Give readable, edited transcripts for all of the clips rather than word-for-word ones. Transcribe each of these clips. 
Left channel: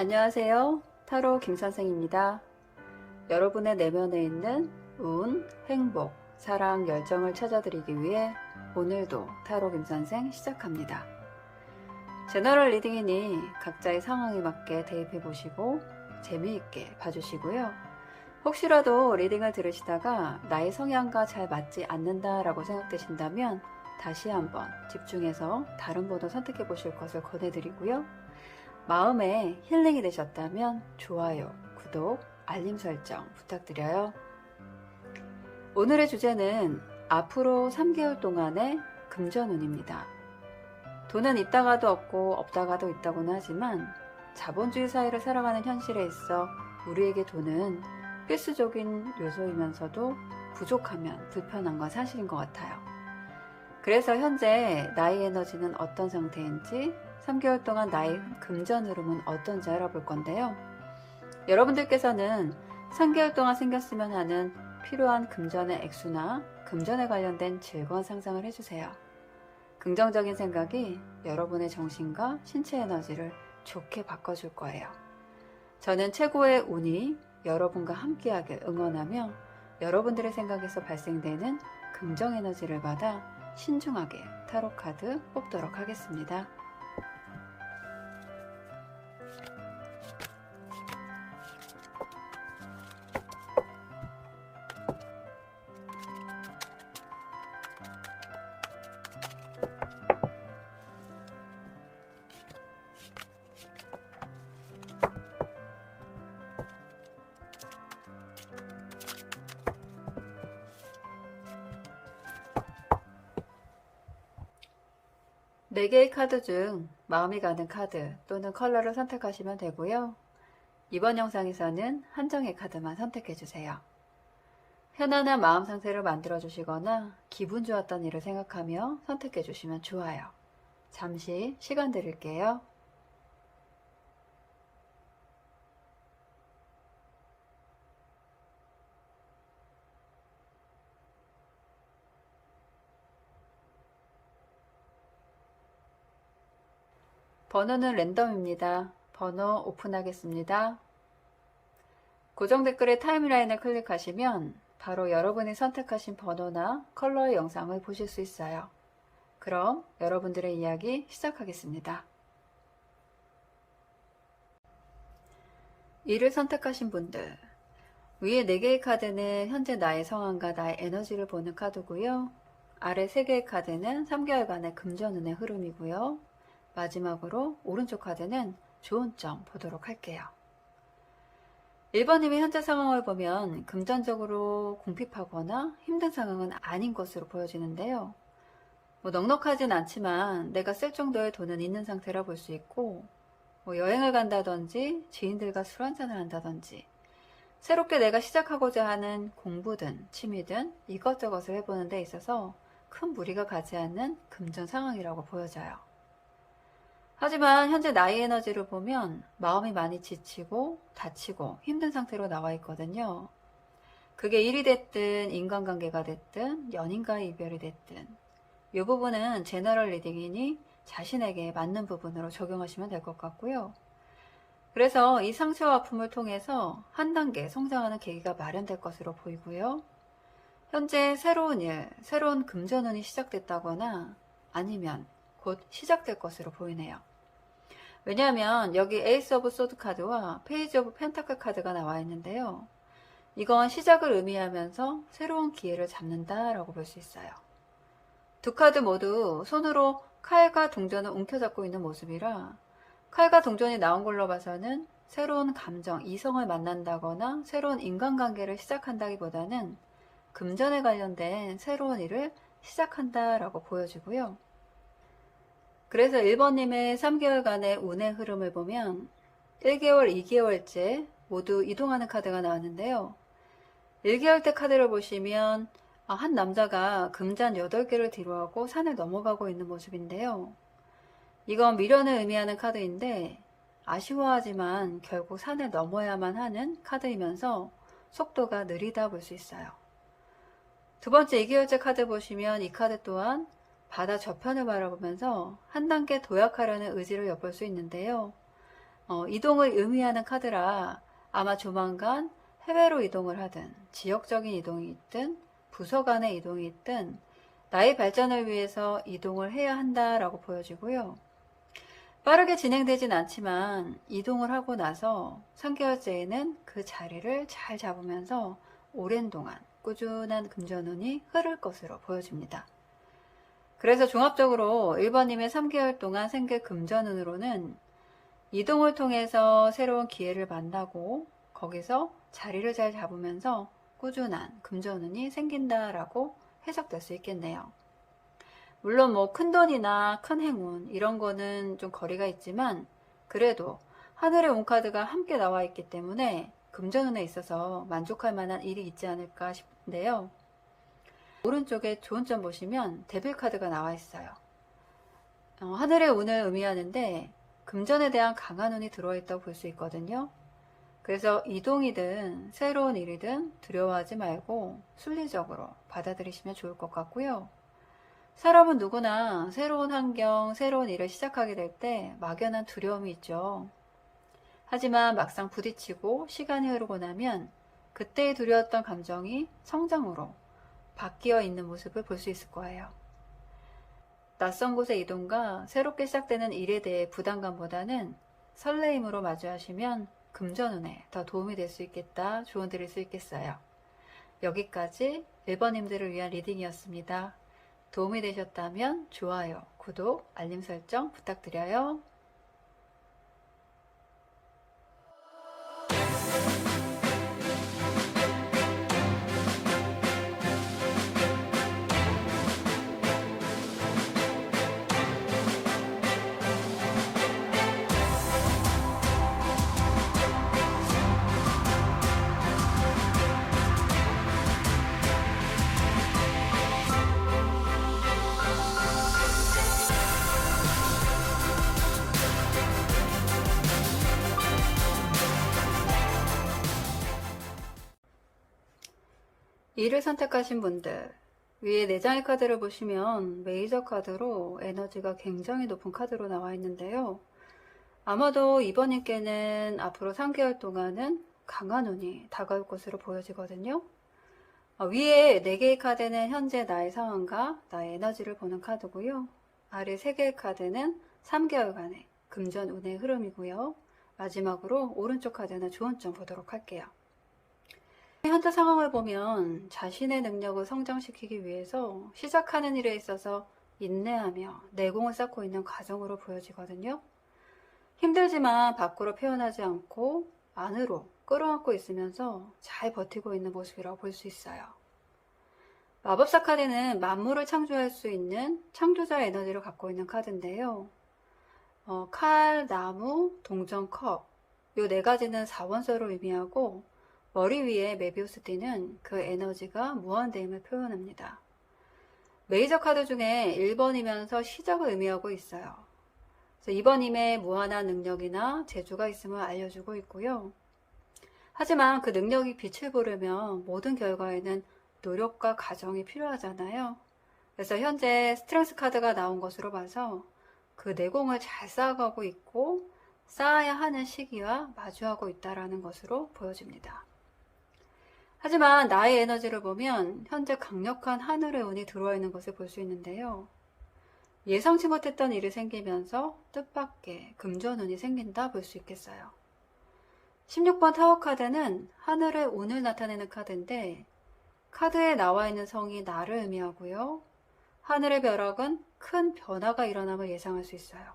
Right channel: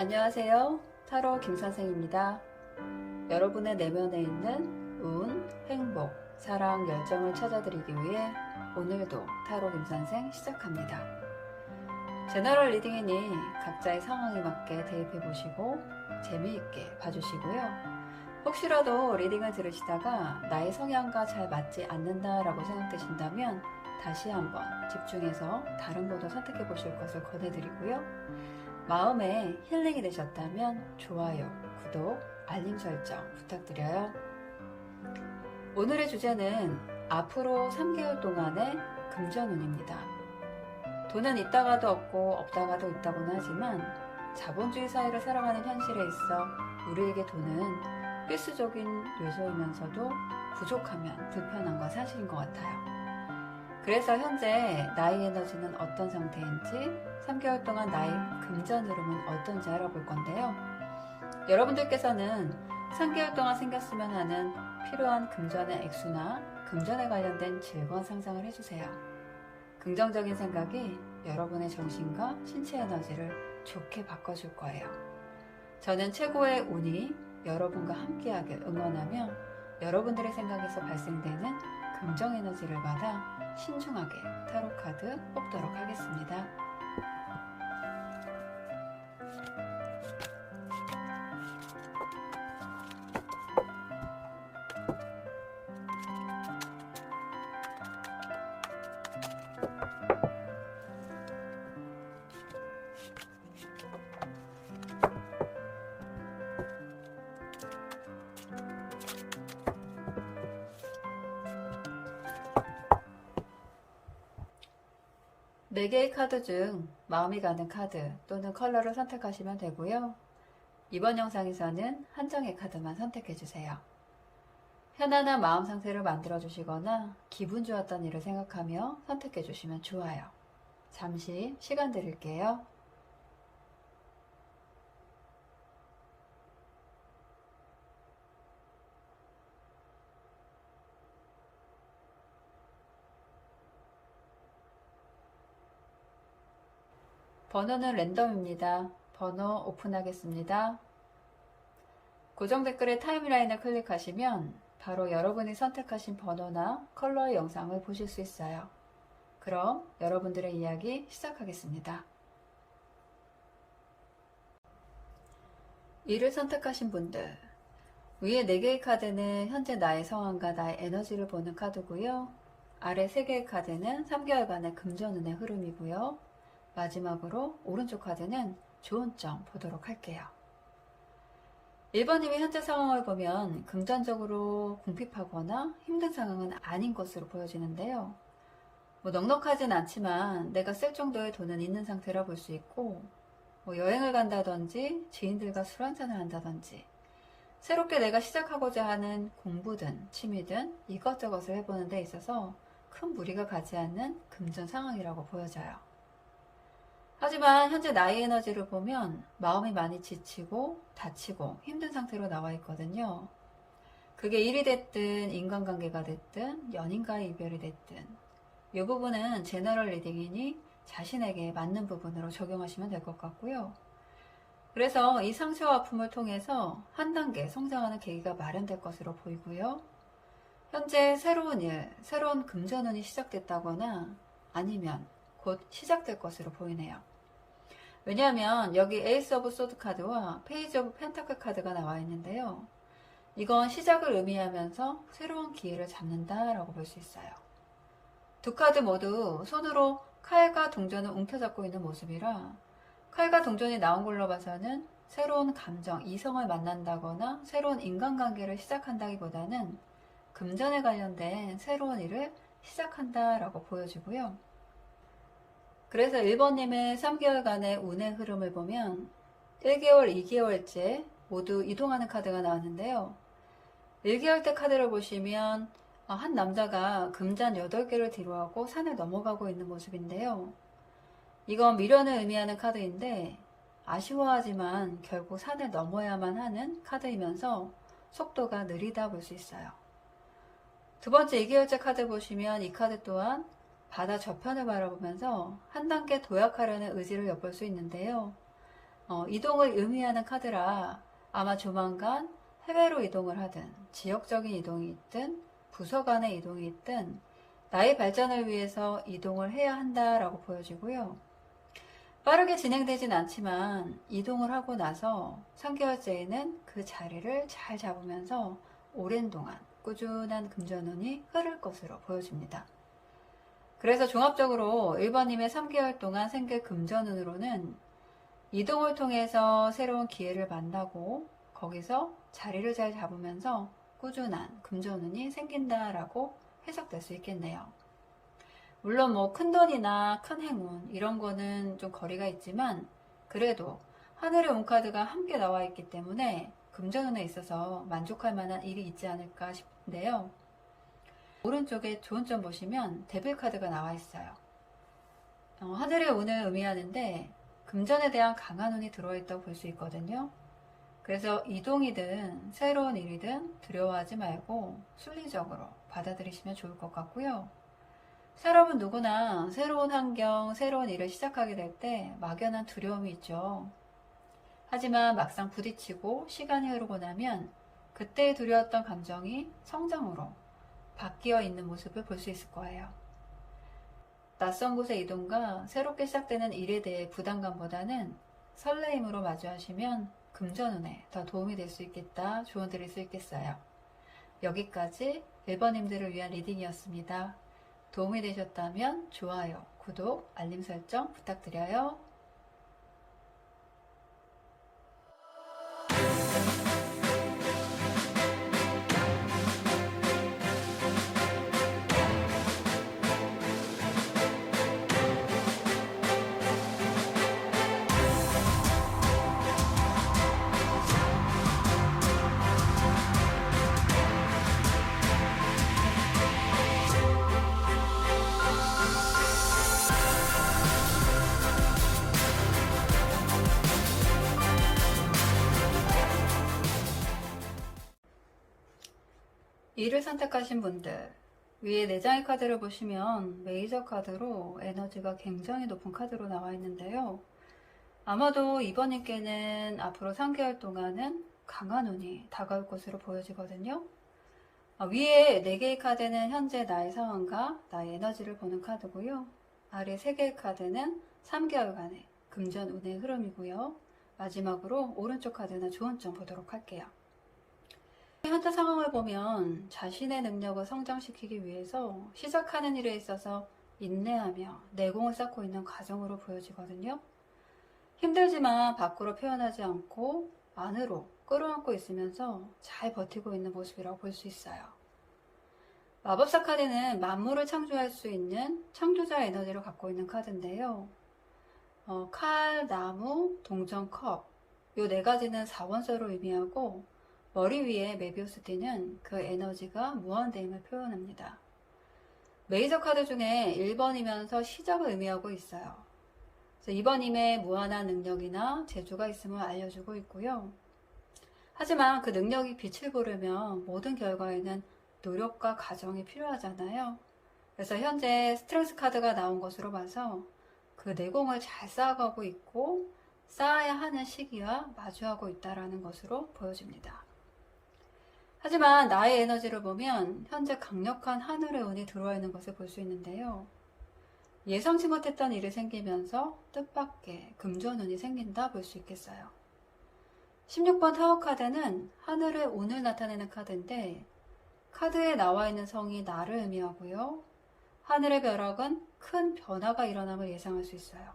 안녕하세요. 타로 김선생입니다. 여러분의 내면에 있는 운, 행복, 사랑, 열정을 찾아드리기 위해 오늘도 타로 김선생 시작합니다. 제너럴 리딩이니 각자의 상황에 맞게 대입해보시고 재미있게 봐주시고요. 혹시라도 리딩을 들으시다가 나의 성향과 잘 맞지 않는다라고 생각되신다면 다시 한번 집중해서 다른 번호 선택해보실 것을 권해드리고요. 마음에 힐링이 되셨다면 좋아요, 구독, 알림 설정 부탁드려요. 오늘의 주제는 앞으로 3개월 동안의 금전운입니다. 돈은 있다가도 없고 없다가도 있다고는 하지만 자본주의 사회를 살아가는 현실에 있어 우리에게 돈은 필수적인 요소이면서도 부족하면 불편한 건 사실인 것 같아요. 그래서 현재 나의 에너지는 어떤 상태인지 3개월 동안 나의 금전 흐름은 어떤지 알아볼 건데요. 여러분들께서는 3개월 동안 생겼으면 하는 필요한 금전의 액수나 금전에 관련된 즐거운 상상을 해주세요. 긍정적인 생각이 여러분의 정신과 신체 에너지를 좋게 바꿔줄 거예요. 저는 최고의 운이 여러분과 함께하길 응원하며 여러분들의 생각에서 발생되는 긍정 에너지를 받아 신중하게 타로 카드 뽑도록 하겠습니다. 네 개의 카드 중 마음이 가는 카드 또는 컬러를 선택하시면 되고요. 이번 영상에서는 한정의 카드만 선택해주세요. 편안한 마음 상태를 만들어주시거나 기분 좋았던 일을 생각하며 선택해주시면 좋아요. 잠시 시간 드릴게요. 번호는 랜덤입니다. 번호 오픈하겠습니다. 고정 댓글의 타임라인을 클릭하시면 바로 여러분이 선택하신 번호나 컬러의 영상을 보실 수 있어요. 그럼 여러분들의 이야기 시작하겠습니다. 2를 선택하신 분들, 위에 4개의 카드는 현재 나의 상황과 나의 에너지를 보는 카드고요. 아래 3개의 카드는 3개월간의 금전운의 흐름이고요. 마지막으로 오른쪽 카드는 좋은 점 보도록 할게요. 1번님의 현재 상황을 보면 금전적으로 궁핍하거나 힘든 상황은 아닌 것으로 보여지는데요. 넉넉하진 않지만 내가 쓸 정도의 돈은 있는 상태라 볼 수 있고, 여행을 간다든지 지인들과 술 한잔을 한다든지 새롭게 내가 시작하고자 하는 공부든 취미든 이것저것을 해보는 데 있어서 큰 무리가 가지 않는 금전 상황이라고 보여져요. 하지만 현재 나의 에너지를 보면 마음이 많이 지치고 다치고 힘든 상태로 나와 있거든요. 그게 일이 됐든 인간관계가 됐든 연인과의 이별이 됐든 이 부분은 제너럴 리딩이니 자신에게 맞는 부분으로 적용하시면 될 것 같고요. 그래서 이 상처와 아픔을 통해서 한 단계 성장하는 계기가 마련될 것으로 보이고요. 현재 새로운 일, 새로운 금전운이 시작됐다거나 아니면 곧 시작될 것으로 보이네요. 왜냐하면 여기 에이스 오브 소드 카드와 페이지 오브 펜타클 카드가 나와 있는데요. 이건 시작을 의미하면서 새로운 기회를 잡는다라고 볼 수 있어요. 두 카드 모두 손으로 칼과 동전을 움켜잡고 있는 모습이라 칼과 동전이 나온 걸로 봐서는 새로운 감정, 이성을 만난다거나 새로운 인간관계를 시작한다기보다는 금전에 관련된 새로운 일을 시작한다라고 보여지고요. 그래서 1번님의 3개월간의 운의 흐름을 보면 1개월, 2개월째 모두 이동하는 카드가 나왔는데요. 1개월째 카드를 보시면 한 남자가 금잔 8개를 뒤로하고 산을 넘어가고 있는 모습인데요. 이건 미련을 의미하는 카드인데 아쉬워하지만 결국 산을 넘어야만 하는 카드이면서 속도가 느리다 볼 수 있어요. 두 번째 2개월째 카드 보시면 이 카드 또한 바다 저편을 바라보면서 한 단계 도약하려는 의지를 엿볼 수 있는데요. 이동을 의미하는 카드라 아마 조만간 해외로 이동을 하든 지역적인 이동이 있든 부서 간의 이동이 있든 나의 발전을 위해서 이동을 해야 한다라고 보여지고요. 빠르게 진행되진 않지만 이동을 하고 나서 3개월째에는 그 자리를 잘 잡으면서 오랜 동안 꾸준한 금전운이 흐를 것으로 보여집니다. 그래서 종합적으로 1번님의 3개월 동안 생길 금전운으로는 이동을 통해서 새로운 기회를 만나고 거기서 자리를 잘 잡으면서 꾸준한 금전운이 생긴다라고 해석될 수 있겠네요. 물론 뭐 큰돈이나 큰 행운 이런 거는 좀 거리가 있지만 그래도 하늘의 운카드가 함께 나와 있기 때문에 금전운에 있어서 만족할 만한 일이 있지 않을까 싶은데요. 오른쪽에 좋은 점 보시면 데빌 카드가 나와 있어요. 하늘의 운을 의미하는데 금전에 대한 강한 운이 들어있다고 볼 수 있거든요. 그래서 이동이든 새로운 일이든 두려워하지 말고 순리적으로 받아들이시면 좋을 것 같고요. 사람은 누구나 새로운 환경, 새로운 일을 시작하게 될 때 막연한 두려움이 있죠. 하지만 막상 부딪히고 시간이 흐르고 나면 그때 두려웠던 감정이 성장으로 바뀌어 있는 모습을 볼 수 있을 거예요. 낯선 곳의 이동과 새롭게 시작되는 일에 대해 부담감보다는 설레임으로 마주하시면 금전운에 더 도움이 될 수 있겠다, 조언 드릴 수 있겠어요. 여기까지 1번님들을 위한 리딩이었습니다. 도움이 되셨다면 좋아요, 구독, 알림 설정 부탁드려요. 이를 선택하신 분들, 위에 4장의 카드를 보시면 메이저 카드로 에너지가 굉장히 높은 카드로 나와 있는데요. 아마도 이번님께는 앞으로 3개월 동안은 강한 운이 다가올 것으로 보여지거든요. 위에 4개의 카드는 현재 나의 상황과 나의 에너지를 보는 카드고요. 아래 3개의 카드는 3개월간의 금전 운의 흐름이고요. 마지막으로 오른쪽 카드는 좋은 점 보도록 할게요. 현재 상황을 보면 자신의 능력을 성장시키기 위해서 시작하는 일에 있어서 인내하며 내공을 쌓고 있는 과정으로 보여지거든요. 힘들지만 밖으로 표현하지 않고 안으로 끌어안고 있으면서 잘 버티고 있는 모습이라고 볼 수 있어요. 마법사 카드는 만물을 창조할 수 있는 창조자의 에너지를 갖고 있는 카드인데요. 칼, 나무, 동전, 컵 이 4가지는 사원소를 의미하고 머리 위에 메비우스 띠는 그 에너지가 무한대임을 표현합니다. 메이저 카드 중에 1번이면서 시작을 의미하고 있어요. 그래서 2번님의 무한한 능력이나 재주가 있음을 알려주고 있고요. 하지만 그 능력이 빛을 보려면 모든 결과에는 노력과 과정이 필요하잖아요. 그래서 현재 스트렝스 카드가 나온 것으로 봐서 그 내공을 잘 쌓아가고 있고 쌓아야 하는 시기와 마주하고 있다는 것으로 보여집니다. 하지만 나의 에너지를 보면 현재 강력한 하늘의 운이 들어와 있는 것을 볼 수 있는데요. 예상치 못했던 일이 생기면서 뜻밖의 금전운이 생긴다 볼 수 있겠어요. 16번 타워 카드는 하늘의 운을 나타내는 카드인데 카드에 나와 있는 성이 나를 의미하고요. 하늘의 벼락은 큰 변화가 일어남을 예상할 수 있어요.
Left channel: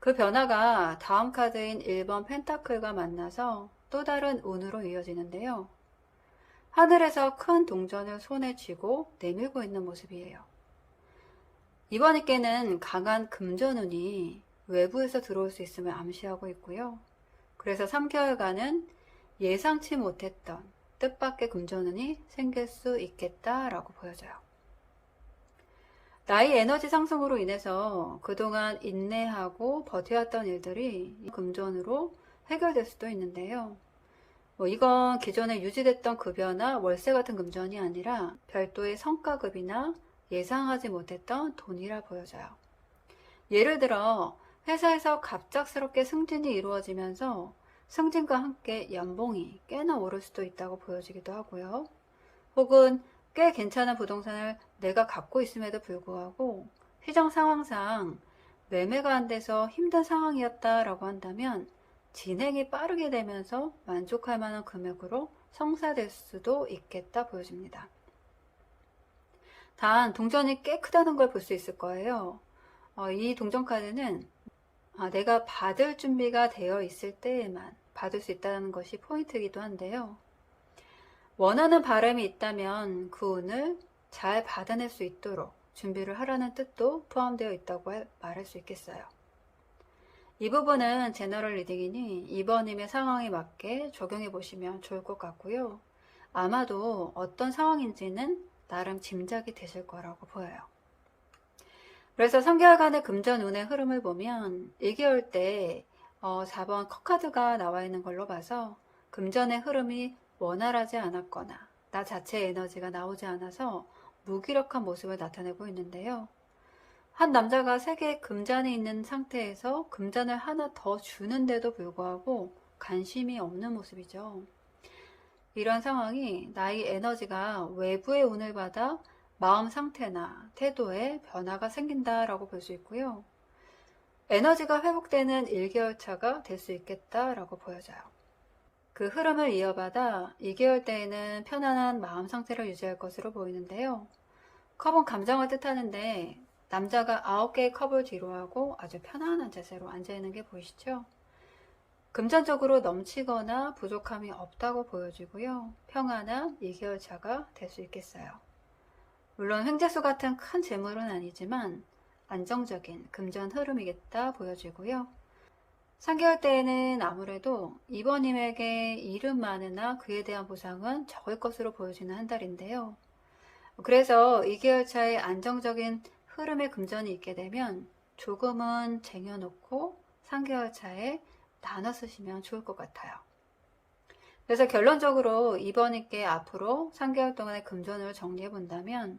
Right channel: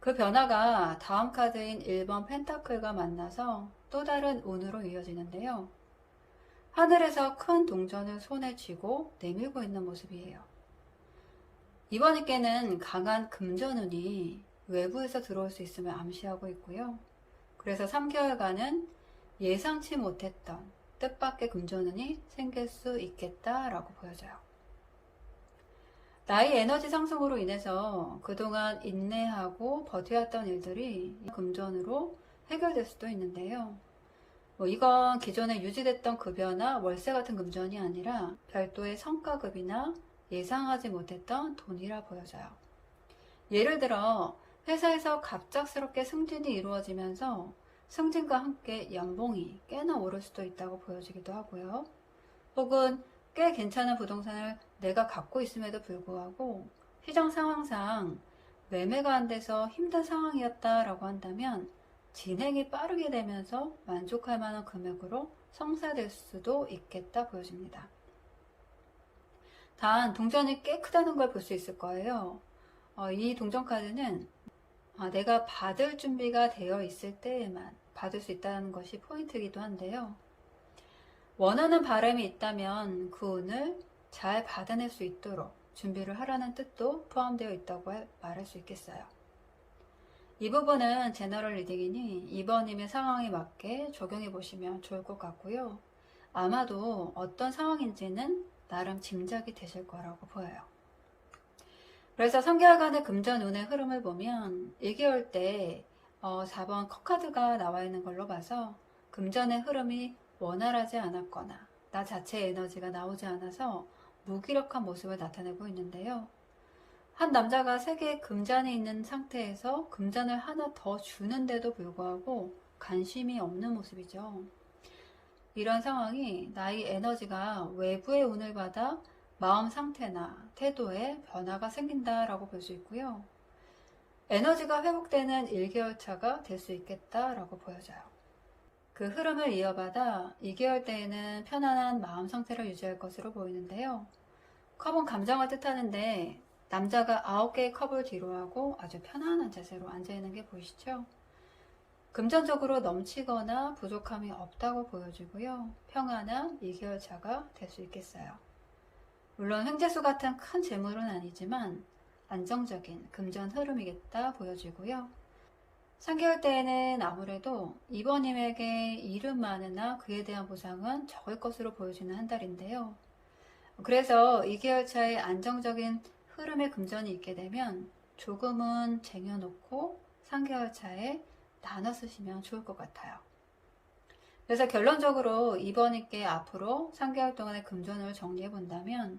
그 변화가 다음 카드인 1번 펜타클과 만나서 또 다른 운으로 이어지는데요. 하늘에서 큰 동전을 손에 쥐고 내밀고 있는 모습이에요. 이번에께는 강한 금전운이 외부에서 들어올 수 있음을 암시하고 있고요. 그래서 3개월간은 예상치 못했던 뜻밖의 금전운이 생길 수 있겠다라고 보여져요. 나의 에너지 상승으로 인해서 그동안 인내하고 버텨왔던 일들이 금전으로 해결될 수도 있는데요. 이건 기존에 유지됐던 급여나 월세 같은 금전이 아니라 별도의 성과급이나 예상하지 못했던 돈이라 보여져요. 예를 들어 회사에서 갑작스럽게 승진이 이루어지면서 승진과 함께 연봉이 꽤나 오를 수도 있다고 보여지기도 하고요. 혹은 꽤 괜찮은 부동산을 내가 갖고 있음에도 불구하고 시장 상황상 매매가 안 돼서 힘든 상황이었다라고 한다면 진행이 빠르게 되면서 만족할 만한 금액으로 성사될 수도 있겠다 보여집니다. 단 동전이 꽤 크다는 걸 볼 수 있을 거예요. 이 동전카드는 내가 받을 준비가 되어 있을 때에만 받을 수 있다는 것이 포인트이기도 한데요. 원하는 바람이 있다면 그 운을 잘 받아낼 수 있도록 준비를 하라는 뜻도 포함되어 있다고 말할 수 있겠어요. 이 부분은 제너럴 리딩이니 2번님의 상황에 맞게 적용해 보시면 좋을 것 같고요. 아마도 어떤 상황인지는 나름 짐작이 되실 거라고 보여요. 그래서 3개월간의 금전 운의 흐름을 보면 1개월 때 4번 컵카드가 나와 있는 걸로 봐서 금전의 흐름이 원활하지 않았거나 나 자체의 에너지가 나오지 않아서 무기력한 모습을 나타내고 있는데요. 한 남자가 3개의 금잔이 있는 상태에서 금잔을 하나 더 주는데도 불구하고 관심이 없는 모습이죠. 이런 상황이 나의 에너지가 외부의 운을 받아 마음 상태나 태도에 변화가 생긴다라고 볼 수 있고요. 에너지가 회복되는 1개월 차가 될 수 있겠다라고 보여져요. 그 흐름을 이어받아 2개월 때에는 편안한 마음 상태를 유지할 것으로 보이는데요. 컵은 감정을 뜻하는데 남자가 9개의 컵을 뒤로하고 아주 편안한 자세로 앉아있는 게 보이시죠? 금전적으로 넘치거나 부족함이 없다고 보여지고요. 평안한 2개월 차가 될 수 있겠어요. 물론 횡재수 같은 큰 재물은 아니지만 안정적인 금전 흐름이겠다 보여지고요. 3개월 때에는 아무래도 이번님에게 일은 많으나 그에 대한 보상은 적을 것으로 보여지는 한 달인데요. 그래서 2개월 차에 안정적인 흐름의 금전이 있게 되면 조금은 쟁여놓고 3개월 차에 나눠 쓰시면 좋을 것 같아요. 그래서 결론적으로 이번님께 앞으로 3개월 동안의 금전을 정리해 본다면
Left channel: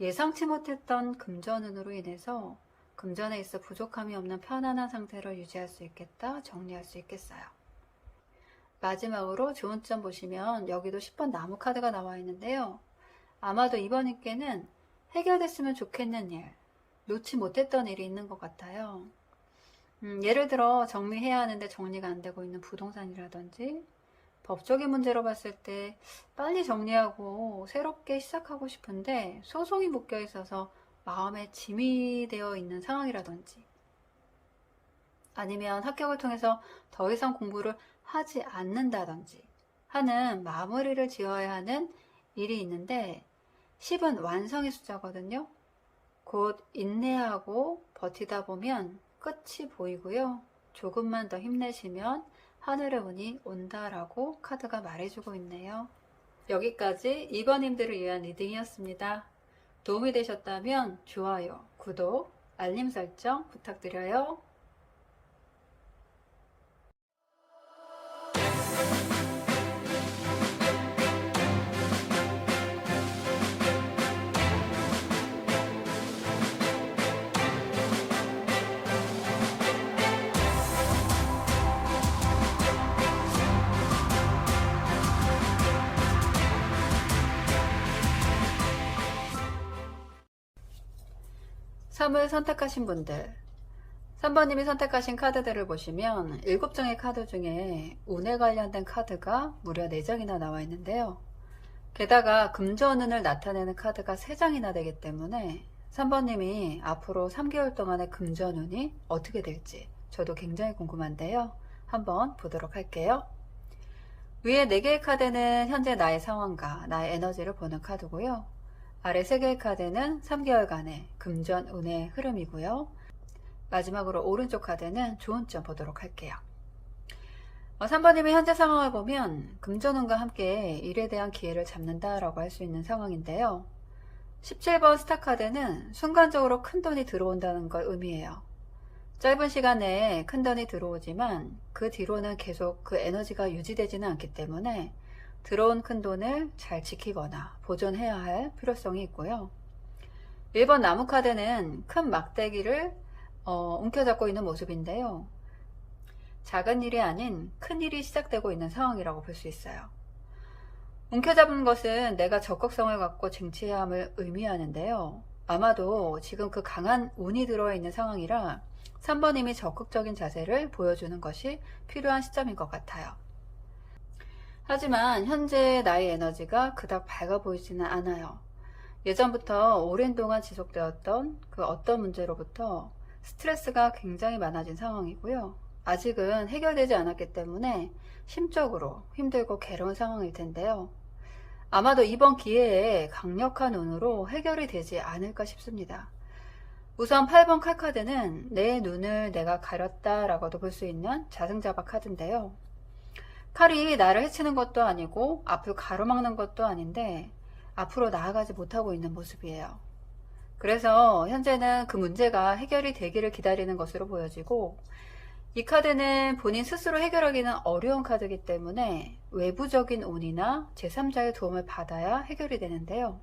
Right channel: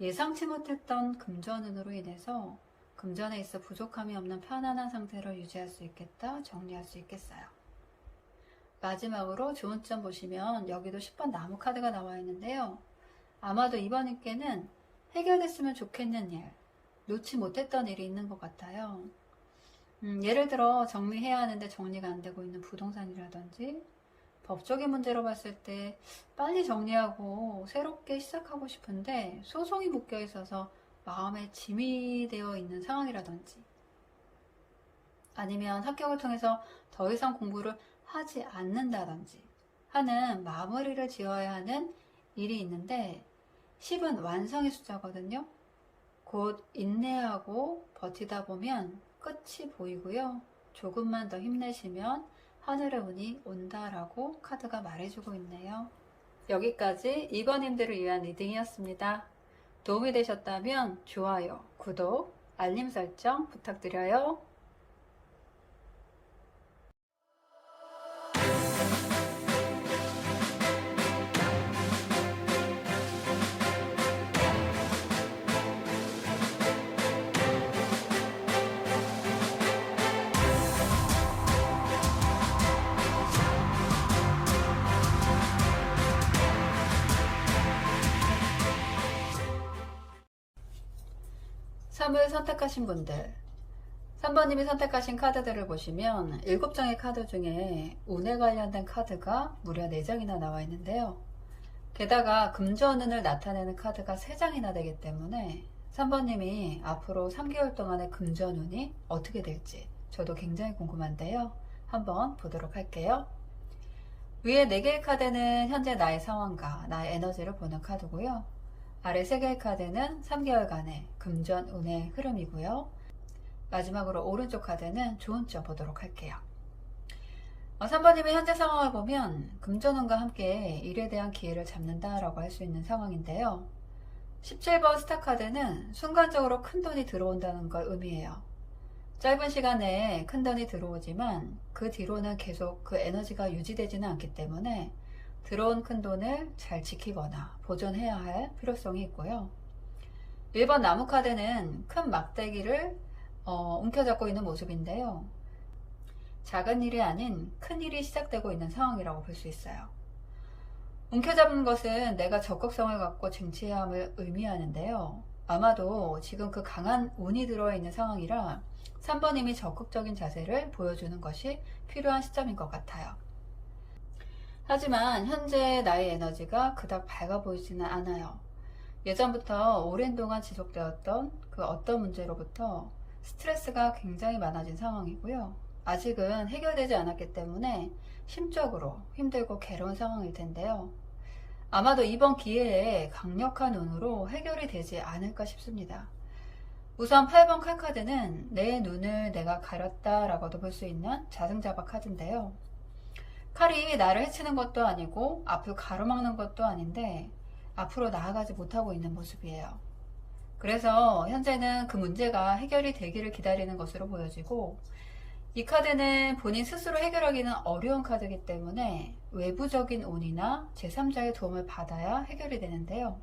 예상치 못했던 금전운으로 인해서 금전에 있어 부족함이 없는 편안한 상태를 유지할 수 있겠다, 정리할 수 있겠어요. 마지막으로 좋은 점 보시면 여기도 10번 나무 카드가 나와 있는데요. 아마도 이번님께는 해결됐으면 좋겠는 일, 놓지 못했던 일이 있는 것 같아요. 예를 들어 정리해야 하는데 정리가 안 되고 있는 부동산이라든지 법적인 문제로 봤을 때 빨리 정리하고 새롭게 시작하고 싶은데 소송이 묶여 있어서 마음에 짐이 되어 있는 상황이라든지 아니면 합격을 통해서 더 이상 공부를 하지 않는다든지 하는 마무리를 지어야 하는 일이 있는데 10은 완성의 숫자거든요. 곧 인내하고 버티다 보면 끝이 보이고요. 조금만 더 힘내시면 하늘의 운이 온다라고 카드가 말해주고 있네요. 여기까지 2번님들을 위한 리딩이었습니다. 도움이 되셨다면 좋아요, 구독, 알림 설정 부탁드려요. 선물 선택하신 분들 3번님이 선택하신 카드들을 보시면 7장의 카드 중에 운에 관련된 카드가 무려 4장이나 나와 있는데요. 게다가 금전운을 나타내는 카드가 3장이나 되기 때문에 3번님이 앞으로 3개월 동안의 금전운이 어떻게 될지 저도 굉장히 궁금한데요. 한번 보도록 할게요. 위에 4개의 카드는 현재 나의 상황과 나의 에너지를 보는 카드고요. 아래 3개의 카드는 3개월간의 금전운의 흐름이고요. 마지막으로 오른쪽 카드는 좋은 점 보도록 할게요. 3번님의 현재 상황을 보면 금전운과 함께 일에 대한 기회를 잡는다라고 할 수 있는 상황인데요. 17번 스타 카드는 순간적으로 큰돈이 들어온다는 걸 의미해요. 짧은 시간 내에 큰돈이 들어오지만 그 뒤로는 계속 그 에너지가 유지되지는 않기 때문에 들어온 큰돈을 잘 지키거나 보존해야 할 필요성이 있고요. 1번 나무 카드는 큰 막대기를 움켜잡고 있는 모습인데요. 작은 일이 아닌 큰 일이 시작되고 있는 상황이라고 볼 수 있어요. 움켜잡은 것은 내가 적극성을 갖고 쟁취해야 함을 의미하는데요. 아마도 지금 그 강한 운이 들어와 있는 상황이라 3번님이 적극적인 자세를 보여주는 것이 필요한 시점인 것 같아요. 하지만 현재 나의 에너지가 그닥 밝아 보이지는 않아요. 예전부터 오랜 동안 지속되었던 그 어떤 문제로부터 스트레스가 굉장히 많아진 상황이고요. 아직은 해결되지 않았기 때문에 심적으로 힘들고 괴로운 상황일 텐데요. 아마도 이번 기회에 강력한 운으로 해결이 되지 않을까 싶습니다. 우선 8번 칼카드는 내 눈을 내가 가렸다 라고도 볼 수 있는 자승자박 카드인데요. 칼이 나를 해치는 것도 아니고 앞을 가로막는 것도 아닌데 앞으로 나아가지 못하고 있는 모습이에요. 그래서 현재는 그 문제가 해결이 되기를 기다리는 것으로 보여지고, 이 카드는 본인 스스로 해결하기는 어려운 카드이기 때문에 외부적인 운이나 제3자의 도움을 받아야 해결이 되는데요.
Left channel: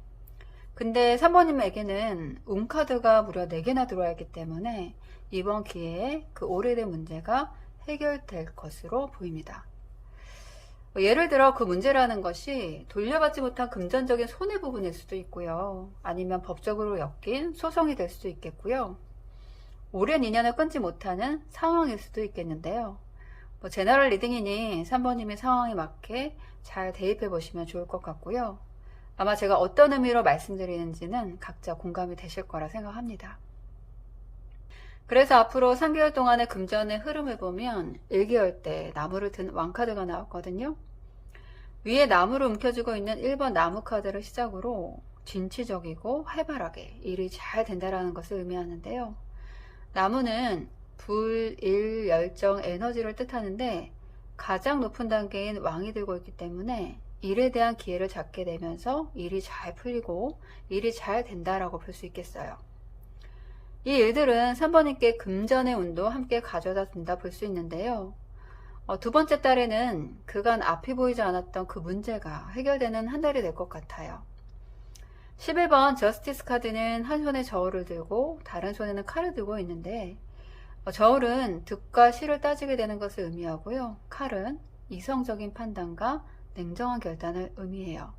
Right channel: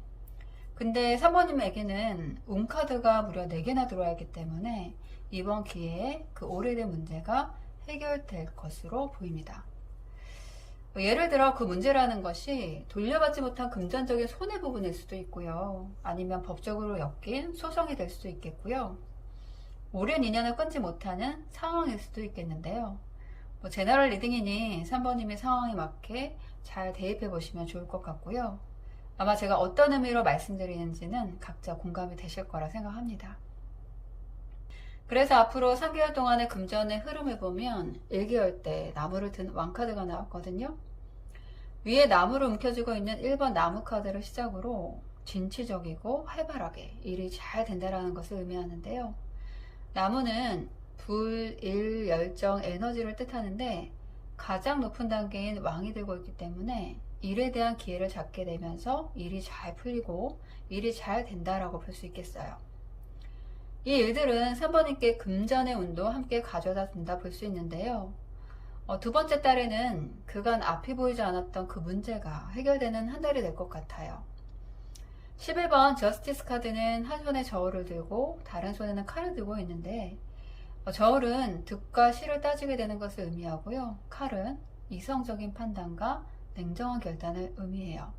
근데 3번님에게는 운 카드가 무려 4개나 들어와 있기 때문에 이번 기회에 그 오래된 문제가 해결될 것으로 보입니다. 예를 들어 그 문제라는 것이 돌려받지 못한 금전적인 손해 부분일 수도 있고요. 아니면 법적으로 엮인 소송이 될 수도 있겠고요. 오랜 인연을 끊지 못하는 상황일 수도 있겠는데요. 제너럴 리딩이니 3번님의 상황에 맞게 잘 대입해 보시면 좋을 것 같고요. 아마 제가 어떤 의미로 말씀드리는지는 각자 공감이 되실 거라 생각합니다. 그래서 앞으로 3개월 동안의 금전의 흐름을 보면 1개월 때 나무를 든 왕카드가 나왔거든요. 위에 나무를 움켜쥐고 있는 1번 나무 카드를 시작으로 진취적이고 활발하게 일이 잘 된다는 것을 의미하는데요. 나무는 불, 일, 열정, 에너지를 뜻하는데 가장 높은 단계인 왕이 들고 있기 때문에 일에 대한 기회를 잡게 되면서 일이 잘 풀리고 일이 잘 된다라고 볼 수 있겠어요. 이 일들은 3번님께 금전의 운도 함께 가져다 준다 볼 수 있는데요. 두 번째 달에는 그간 앞이 보이지 않았던 그 문제가 해결되는 한 달이 될 것 같아요. 11번 저스티스 카드는 한 손에 저울을 들고 다른 손에는 칼을 들고 있는데, 저울은 득과 실을 따지게 되는 것을 의미하고요. 칼은 이성적인 판단과 냉정한 결단을 의미해요.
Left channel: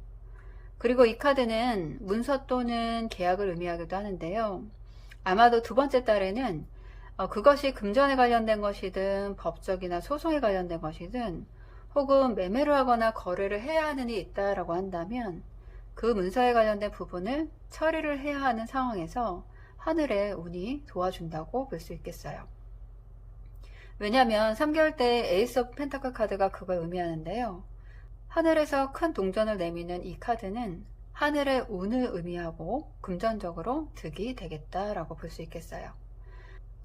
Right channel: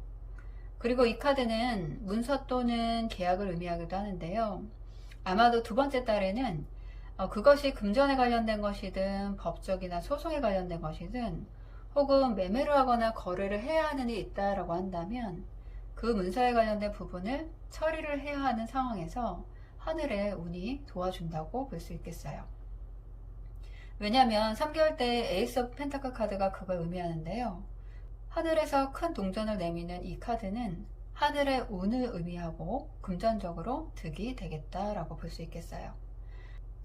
그리고 이 카드는 문서 또는 계약을 의미하기도 하는데요. 아마도 두 번째 달에는 그것이 금전에 관련된 것이든 법적이나 소송에 관련된 것이든 혹은 매매를 하거나 거래를 해야 하는 일이 있다라고 한다면 그 문서에 관련된 부분을 처리를 해야 하는 상황에서 하늘의 운이 도와준다고 볼 수 있겠어요. 왜냐하면 3개월 때 에이스 오브 펜타클 카드가 그걸 의미하는데요. 하늘에서 큰 동전을 내미는 이 카드는 하늘의 운을 의미하고 금전적으로 득이 되겠다라고 볼 수 있겠어요.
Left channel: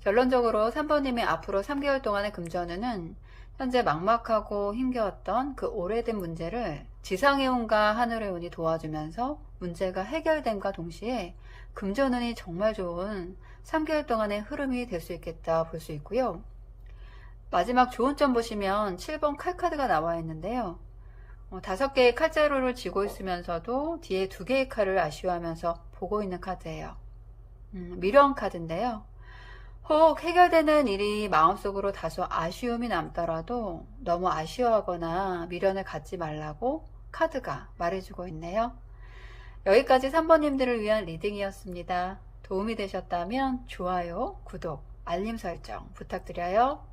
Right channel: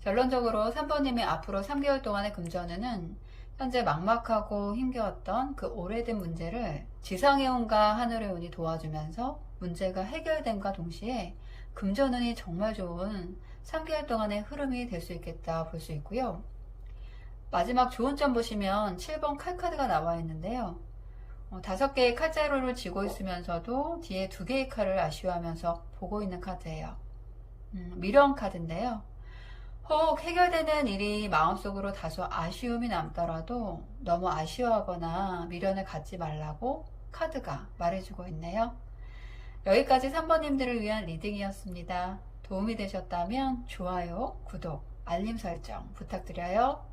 결론적으로 3번님의 앞으로 3개월 동안의 금전운은 현재 막막하고 힘겨웠던 그 오래된 문제를 지상의 운과 하늘의 운이 도와주면서 문제가 해결됨과 동시에 금전운이 정말 좋은 3개월 동안의 흐름이 될 수 있겠다 볼 수 있고요. 마지막 좋은 점 보시면 7번 칼카드가 나와 있는데요. 5개의 칼자루를 쥐고 있으면서도 뒤에 2개의 칼을 아쉬워하면서 보고 있는 카드예요. 미련 카드인데요. 혹 해결되는 일이 마음속으로 다소 아쉬움이 남더라도 너무 아쉬워하거나 미련을 갖지 말라고 카드가 말해주고 있네요. 여기까지 3번님들을 위한 리딩이었습니다. 도움이 되셨다면 좋아요, 구독, 알림 설정 부탁드려요.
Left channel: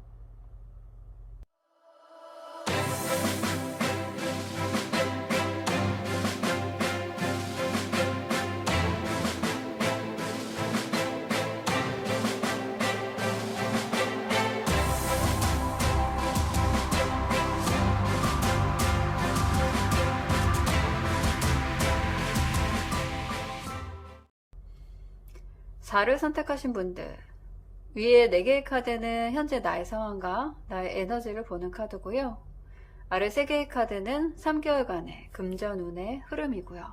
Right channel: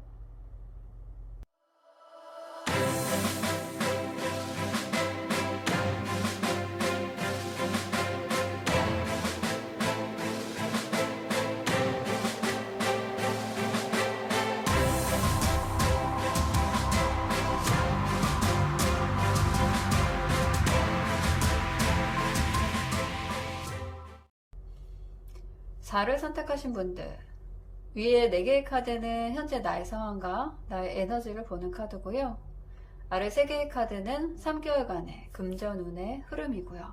를 선택하신 분들, 위에 4개의 카드는 현재 나의 상황과 나의 에너지를 보는 카드고요. 아래 3개의 카드는 3개월간의 금전운의 흐름이고요.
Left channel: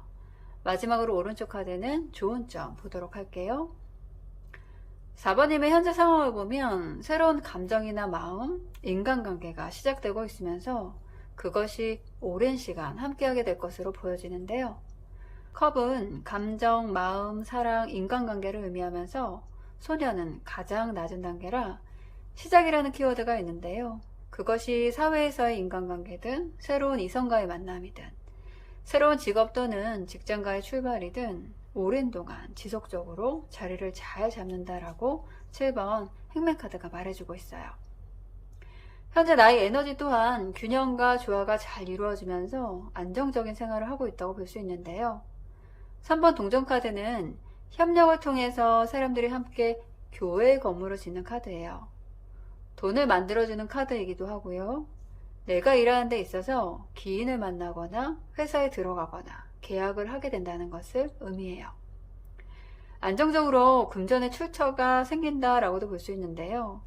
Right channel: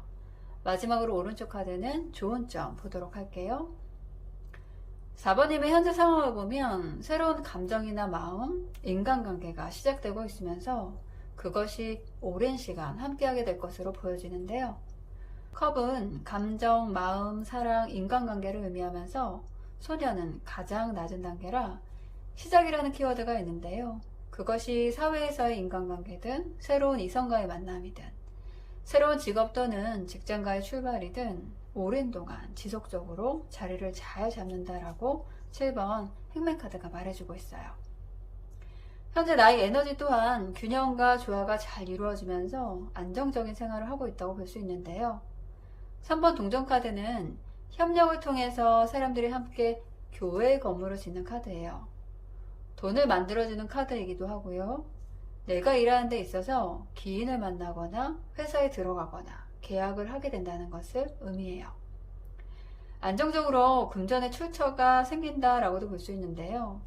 마지막으로 오른쪽 카드는 좋은 점 보도록 할게요. 4번님의 현재 상황을 보면 새로운 감정이나 마음, 인간관계가 시작되고 있으면서 그것이 오랜 시간 함께하게 될 것으로 보여지는데요. 컵은 감정, 마음, 사랑, 인간관계를 의미하면서 소녀는 가장 낮은 단계라 시작이라는 키워드가 있는데요. 그것이 사회에서의 인간관계든 새로운 이성과의 만남이든 새로운 직업 또는 직장과의 출발이든 오랜 동안 지속적으로 자리를 잘 잡는다라고 7번 행맨카드가 말해주고 있어요. 현재 나의 에너지 또한 균형과 조화가 잘 이루어지면서 안정적인 생활을 하고 있다고 볼 수 있는데요. 3번 동전카드는 협력을 통해서 사람들이 함께 교회 건물을 짓는 카드예요. 돈을 만들어주는 카드이기도 하고요. 내가 일하는 데 있어서 기인을 만나거나 회사에 들어가거나 계약을 하게 된다는 것을 의미해요. 안정적으로 금전의 출처가 생긴다라고도 볼 수 있는데요.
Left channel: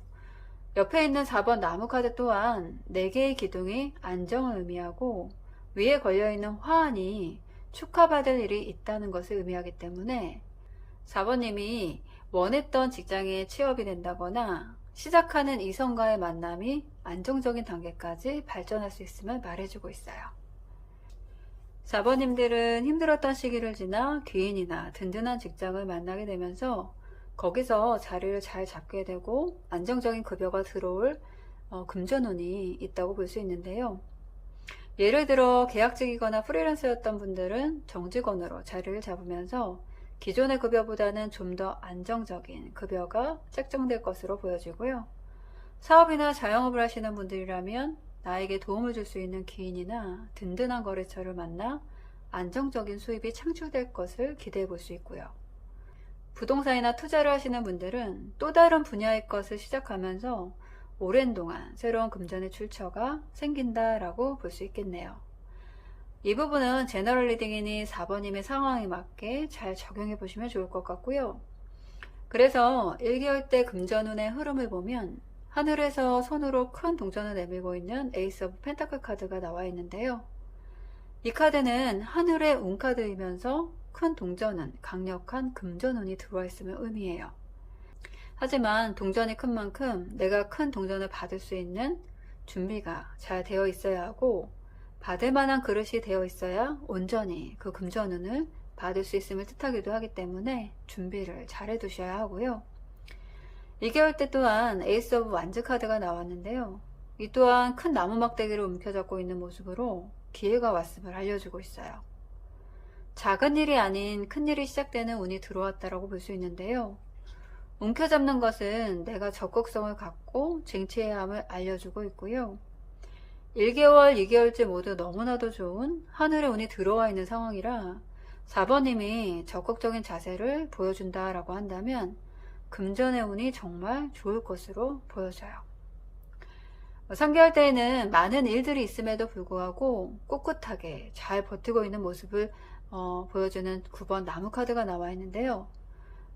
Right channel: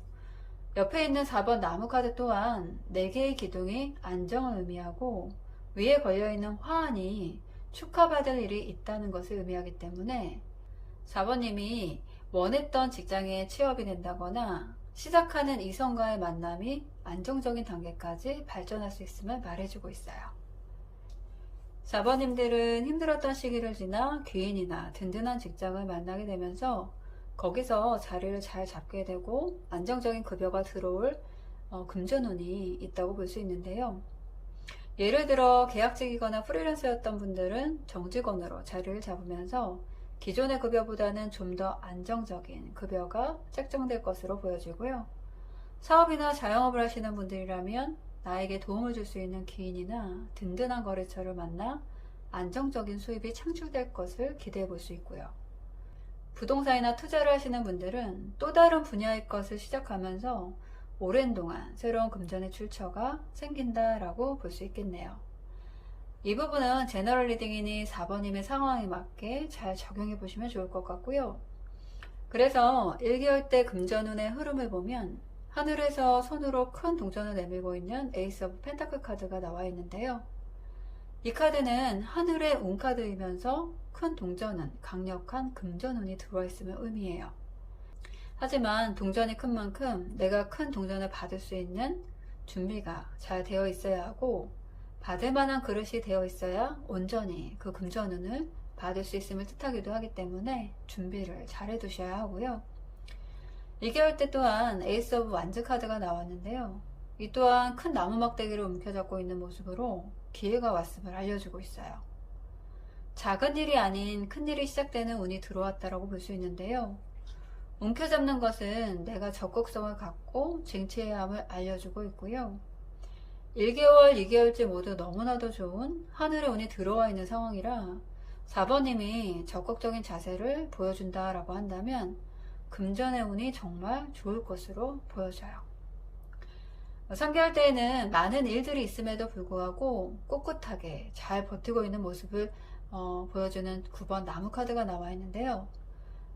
옆에 있는 4번 나무 카드 또한 4개의 기둥이 안정을 의미하고 위에 걸려있는 화환이 축하받을 일이 있다는 것을 의미하기 때문에 4번님이 원했던 직장에 취업이 된다거나 시작하는 이성과의 만남이 안정적인 단계까지 발전할 수 있음을 말해주고 있어요. 4번님들은 힘들었던 시기를 지나 귀인이나 든든한 직장을 만나게 되면서 거기서 자리를 잘 잡게 되고 안정적인 급여가 들어올 금전운이 있다고 볼 수 있는데요. 예를 들어 계약직이거나 프리랜서였던 분들은 정직원으로 자리를 잡으면서 기존의 급여보다는 좀 더 안정적인 급여가 책정될 것으로 보여지고요. 사업이나 자영업을 하시는 분들이라면 나에게 도움을 줄 수 있는 기인이나 든든한 거래처를 만나 안정적인 수입이 창출될 것을 기대해 볼 수 있고요. 부동산이나 투자를 하시는 분들은 또 다른 분야의 것을 시작하면서 오랜 동안 새로운 금전의 출처가 생긴다라고 볼 수 있겠네요. 이 부분은 제너럴 리딩이니 4번님의 상황에 맞게 잘 적용해 보시면 좋을 것 같고요. 그래서 1개월 때 금전운의 흐름을 보면 하늘에서 손으로 큰 동전을 내밀고 있는 에이스 오브 펜타클 카드가 나와 있는데요. 이 카드는 하늘의 운카드이면서 큰 동전은 강력한 금전운이 들어와 있음을 의미해요. 하지만 동전이 큰 만큼 내가 큰 동전을 받을 수 있는 준비가 잘 되어 있어야 하고 받을 만한 그릇이 되어 있어야 온전히 그 금전운을 받을 수 있음을 뜻하기도 하기 때문에 준비를 잘 해두셔야 하고요. 2개월 때 또한 에이스 오브 완즈 카드가 나왔는데요. 이 또한 큰 나무 막대기를 움켜잡고 있는 모습으로 기회가 왔음을 알려주고 있어요. 작은 일이 아닌 큰 일이 시작되는 운이 들어왔다라고 볼 수 있는데요. 움켜잡는 것은 내가 적극성을 갖고 쟁취해야 함을 알려주고 있고요. 1개월, 2개월째 모두 너무나도 좋은 하늘의 운이 들어와 있는 상황이라 4번님이 적극적인 자세를 보여준다라고 한다면 금전의 운이 정말 좋을 것으로 보여져요. 3개월 때에는 많은 일들이 있음에도 불구하고 꿋꿋하게 잘 버티고 있는 모습을 보여주는 9번 나무 카드가 나와 있는데요.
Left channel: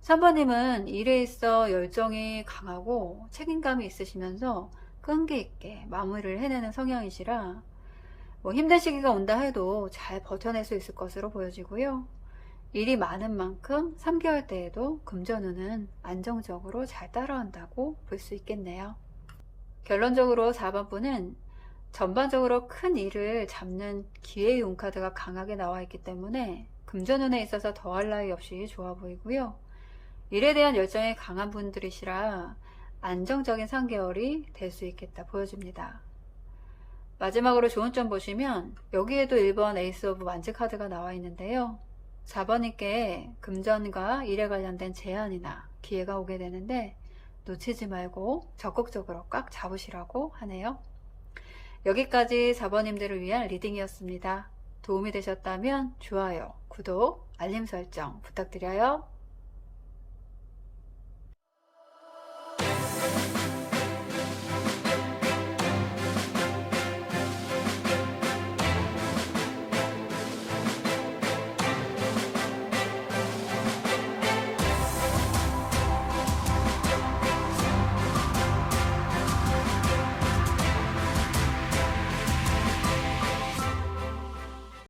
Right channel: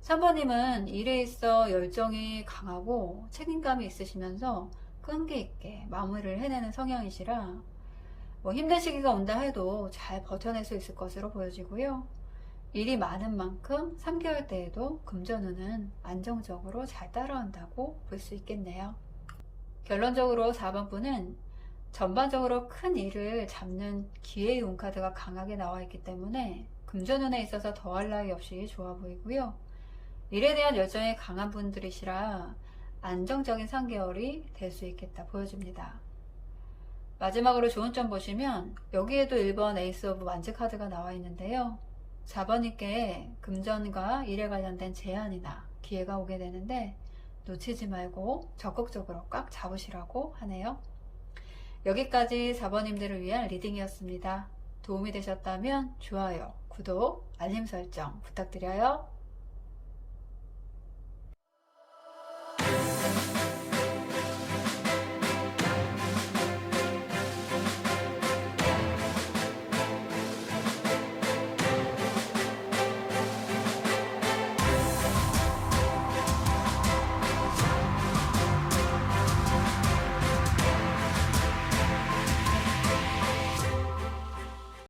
3번님은 일에 있어 열정이 강하고 책임감이 있으시면서 끈기 있게 마무리를 해내는 성향이시라 힘든 시기가 온다 해도 잘 버텨낼 수 있을 것으로 보여지고요. 일이 많은 만큼 3개월 때에도 금전운은 안정적으로 잘 따라온다고 볼 수 있겠네요. 결론적으로 4번 분은 전반적으로 큰 일을 잡는 기회의 운카드가 강하게 나와 있기 때문에 금전운에 있어서 더할 나위 없이 좋아 보이고요. 일에 대한 열정이 강한 분들이시라 안정적인 3개월이 될 수 있겠다 보여집니다. 마지막으로 좋은 점 보시면 여기에도 1번 에이스 오브 완즈 카드가 나와 있는데요. 4번님께 금전과 일에 관련된 제안이나 기회가 오게 되는데 놓치지 말고 적극적으로 꽉 잡으시라고 하네요. 여기까지 4번님들을 위한 리딩이었습니다. 도움이 되셨다면 좋아요, 구독, 알림 설정 부탁드려요.